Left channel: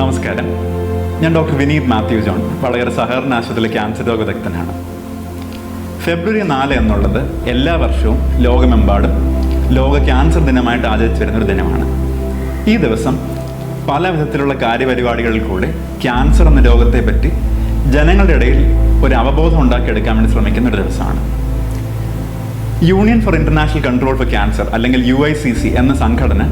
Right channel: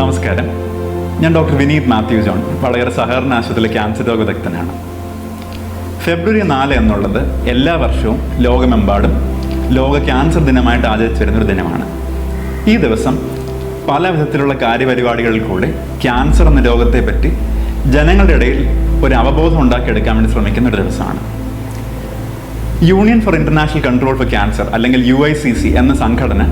നമസ്കാരം, ഞാൻ doctor Vineeth Mathew John, Vadakara സഹകരണ ആശുപത്രിയിലെ ക്യാൻസർ രോഗ വിദഗ്ധനാണ്. ഫെബ്രുവരി 4 എന്നുള്ളത് എല്ലാ വർഷവും ലോകമെമ്പാടും ലോക ക്യാൻസർ ദിനമായിട്ട് ആചരിച്ചു വരുന്നൊരു ദിനമാണ്. ഈ ദിവസം പല വിധത്തിലുള്ള കാര്യപരിപാടികളിൽ കൂടെ ക്യാൻസർ എന്ന രോഗത്തെ പറ്റി ജനങ്ങളുടെ ഇടയിൽ ഒരു അവബോധം ഉണ്ടാക്കിയെടുക്കാൻ വേണ്ടി ശ്രമിക്കുന്ന ഒരു ദിവസമാണ്. Union four international control four cancer അല്ലെങ്കിൽ UICC എന്ന സംഘടന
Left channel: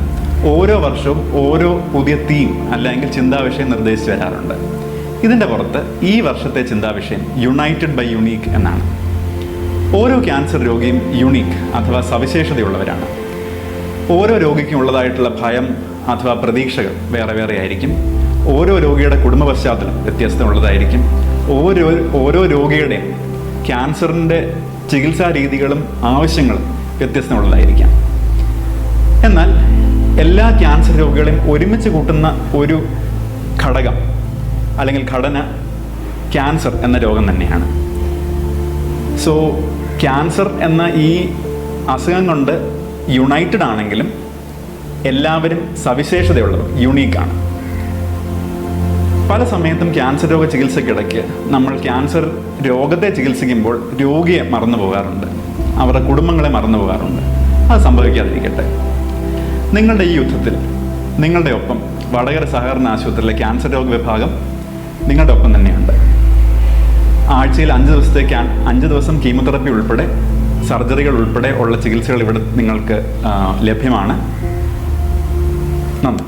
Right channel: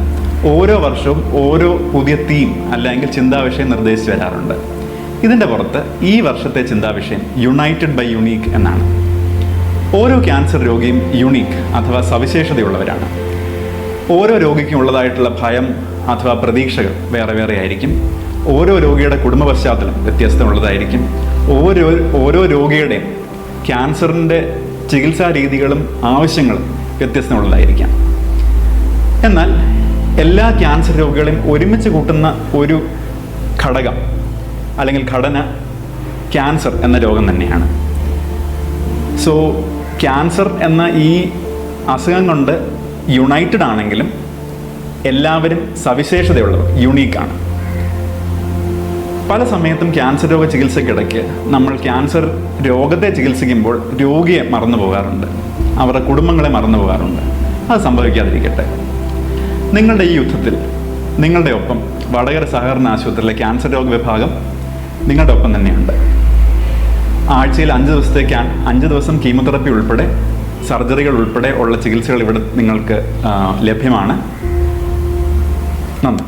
ഓരോ വർഷവും ഓരോ പുതിയ തീം അല്ലെങ്കിൽ ചിന്താവിഷയം നിർദ്ദേശിച്ചു വരാറുണ്ട്. ഇതിൻ്റെ പുറത്ത് ഈ വർഷത്തെ ചിന്താവിഷയം യുണൈറ്റഡ് ബൈ യുണീക്ക് എന്നാണ്. ഓരോ ക്യാൻസർ രോഗിയും യുണീക്ക് അഥവാ സവിശേഷതയുള്ളവരാണ്. ഓരോ രോഗിക്കും ഉള്ളതായിട്ടുള്ള ഭയം അഥവാ പ്രതീക്ഷകൾ വേറെ വേറെ ആയിരിക്കും. ഓരോ രോഗിയുടെ കുടുംബ പശ്ചാത്തലം വ്യത്യസ്തമുള്ളതായിരിക്കും. ഓരോ രോഗിയുടെയും ക്യാൻസറിൻ്റെ ചികിത്സാ രീതികളും ആവശ്യങ്ങളും വ്യത്യസ്തമുള്ളതായിരിക്കാം. എന്നാൽ എല്ലാ ക്യാൻസർ രോഗികളെയും ഒരുമിച്ച് കൂട്ടുന്ന ഒരു ഘടകം അല്ലെങ്കിൽ ഘടന ക്യാൻസർ എന്ന രോഗം തന്നെയാണ്. സോ ക്യാൻസർ എന്ന ഈ അസുഖം കൊണ്ട് യുണൈറ്റഡ് ആണെങ്കിലും എല്ലാവരും സവിശേഷതയുള്ളവർ, യുണീക്കാണ്. പല സമയത്തും ക്യാൻസർ രോഗ ചികിത്സയ്ക്കിടയ്ക്ക് നമ്മൾ ക്യാൻസർ രോഗത്തെ ചികിത്സിക്കുമ്പോൾ രോഗിയെ മറന്നു പോകാറുണ്ട്, അവരുടെ കുടുംബങ്ങളെ മറന്നു പോകാറുണ്ട്. അത് സംഭവിക്കാതിരിക്കട്ടെ. നിങ്ങളുടെ ഈ യുദ്ധത്തിൽ നിങ്ങളുടെ ഒപ്പം വടകര സഹകരണ ആശുപത്രിയിലെ ക്യാൻസർ രോഗ വിഭാഗം നിങ്ങളുടെ ഒപ്പം തന്നെയുണ്ട്. ആഴ്ചയിൽ 5 ദിവസം കീമോതെറപ്പി ഉൾപ്പെടെ സർജറികൾ ഉൾപ്പെടെ ഉള്ള ചികിത്സകൾ ഇവിടെ നിങ്ങൾക്ക് ലഭ്യമാണ്. നന്ദി.